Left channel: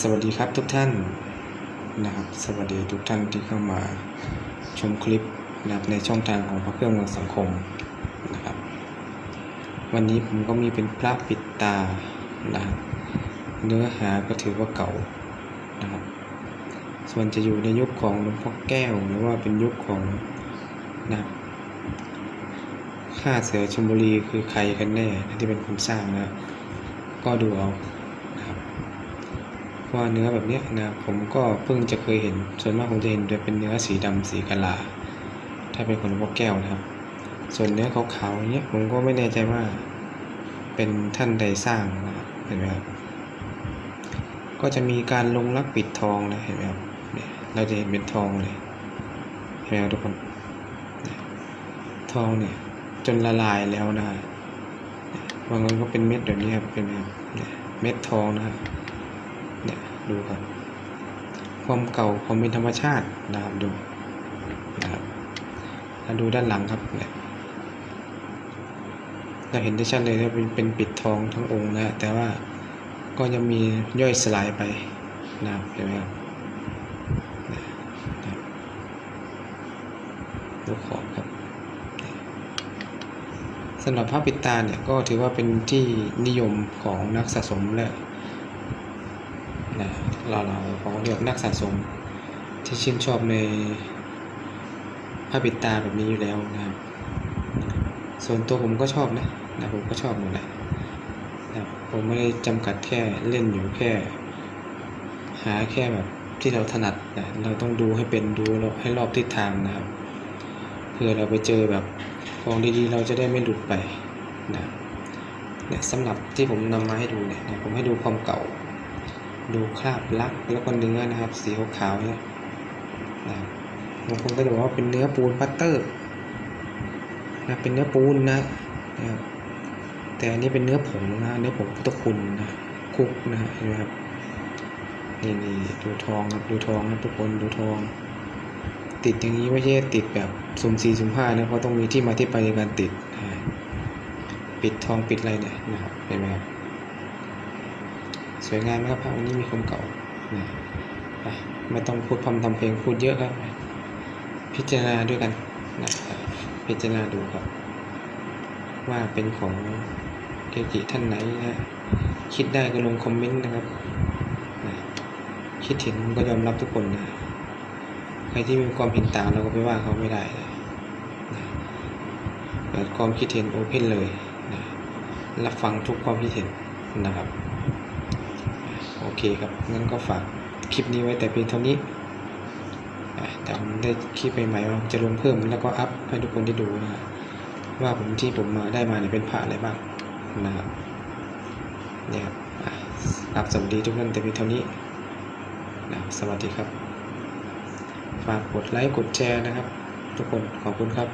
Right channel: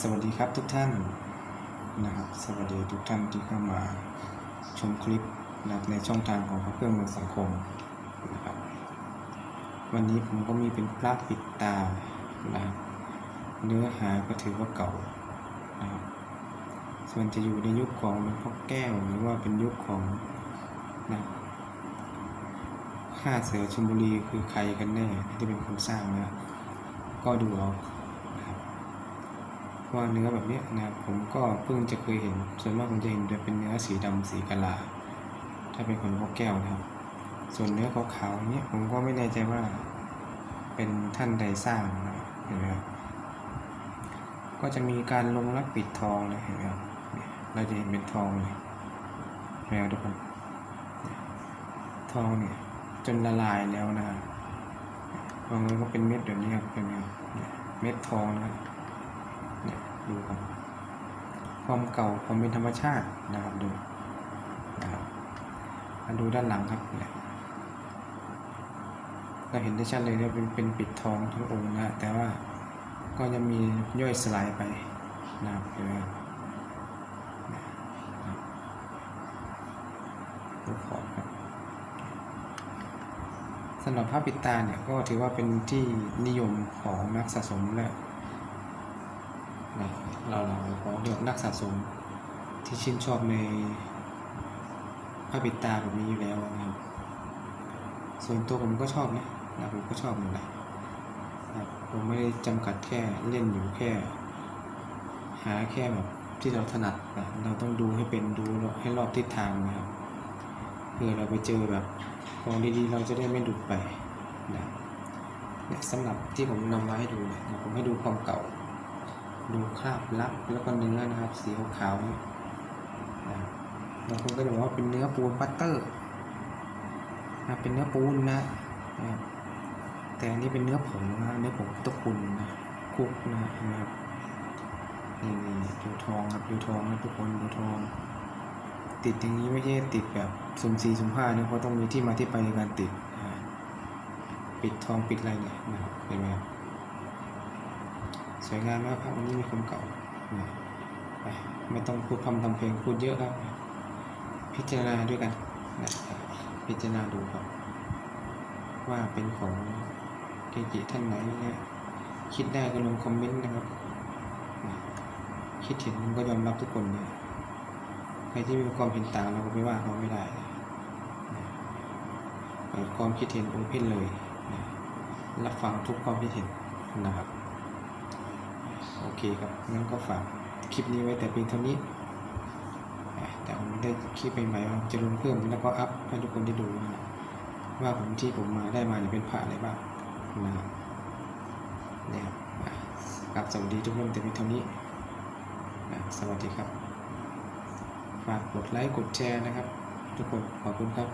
สวัสดีครับทุกท่านนะครับ สวัสดีทุกท่านที่เข้ามาชมคลิปนะในช่องทางของพระเครื่องเมืองสังคมนะครับ วันนี้ผมก็มีเป็นพระปิดตานะครับเนื้อหาก็ถือว่าเก่านะครับ ส่วนจะอยู่ในยุคของหลวงพ่อแก้วหรือว่าเป็นยุคของนะข้าเสือชมบุรีคือใครกันแน่ที่เป็นคนสร้างนะครับก็ดูเอา ว่าเนื้อแบบนี้นะผมก็เพิ่งจะเคยเห็น ส่วนมากผมจะเห็นจะเป็นเนื้อสีดำสีกะลา ถ้าเป็นคนพวกแก้วนะครับ ส่วนเนื้อขาวๆอย่างเงี้ยผมก็ไม่แน่ใจว่า เป็นท่านใดสร้างนะเห็นไหมครับก็จะมีการลงรักปิดทองนะเห็นไหมครับเนี่ยเราจะเห็นเป็นทองเลยเห็นไหมครับทุกคนทองเนี่ยจนละลายแล้วนะบางคนก็เป็นเม็ดแบบนี้ครับเป็นไหมครับเม็ดทองนะครับ ดูครับ ความเก่าความเป็นธรรมชาตินะครับดูนะครับแล้วดูด้านหลังครับเนี่ยเราเห็นได้ชัดเลยว่าเป็นเป็นปิดทองทั้งองค์นะแต่ว่าก็ยังมีย่อยสลายไปนะครับเห็นไหมครับดูขอบครับสำหรับพระปิดตาเนี่ยก็ถือว่าเป็นที่นิยมของนักสะสมและ นะเราเราเขาเรียกนักสะสมที่ชื่นชอบในผ้าปิดตาแบบนี้อยู่แล้วนะครับส่วนตัวผมก็ชอบนะนะผมก็ชอบหมดแหละนะผมไม่ได้จำกัดแค่เล่นอยู่แค่ หาแค่แบบที่เราถนัดนะเราต้องดูให้เป็นดูให้รอบทิศทางนะครับเพื่อเราไปเจอแบบของดีๆ เราจะได้ไม่หลุดไปนะเนี่ยสำหรับที่ผมนำมาให้ดูเนี่ยนะผมให้ดูความเก่า ดูคราบลักแล้วก็เนื้อนะครับ สีขาวๆเนี่ยนะครับบางคนก็จะบอกว่าเป็นเนื้อปูนปัตเตอร์นะเป็นเนื้อปูนนะนะครับแต่อันนี้เป็นเนื้อผงนะเนื้อผงพุทธคุณนะคุกนะเห็นไหมครับนี่นี่ดูทองครับดูทองนะทุกคนดูทอง ติดอย่างนี้ไม่ใช่ติดแบบสุ่มสี่สุ่มห้านะเพราะต้องมีที่มาที่ไปในการติดปิดทองปิดอะไรเนี่ยนะครับเห็นไหมครับ สวยงามนะครับพระวันนี้มีความเก่านะไม่ต้องพูดพร่ำทำเพลงพูดเยอะครับ พิจารณาด้วยกันนะพิจารณาดูครับ ว่าเป็นของเกจิท่านไหนนะคิดได้ก็ลงคอมเมนต์นะครับนะคิดเห็นก็ยอมรับทุกคนนะใครที่มีความเห็นต่างเราก็ไปว่าเขาไม่ได้นะนะเปิดความคิดเห็นโอเพนเลยนะรับฟังทุกความคิดเห็นนะครับ โอเคครับ งั้นก็ฝากคลิปนี้ไว้แต่เพียงเท่านี้แต่ผมได้คลิปใหม่ๆว่าจะลงเพิ่มแล้วก็อัพให้ทุกคนได้ดูนะครับว่าผมที่ผมมาได้มาเนี่ยเป็นพระอะไรบ้างนะครับเนี่ยครับอะครับสวัสดีทุกท่านแต่เพียงเท่านี้นะสวัสดีครับ ฝากกดไลค์กดแชร์นะครับ ทุกคนขอบคุณครับ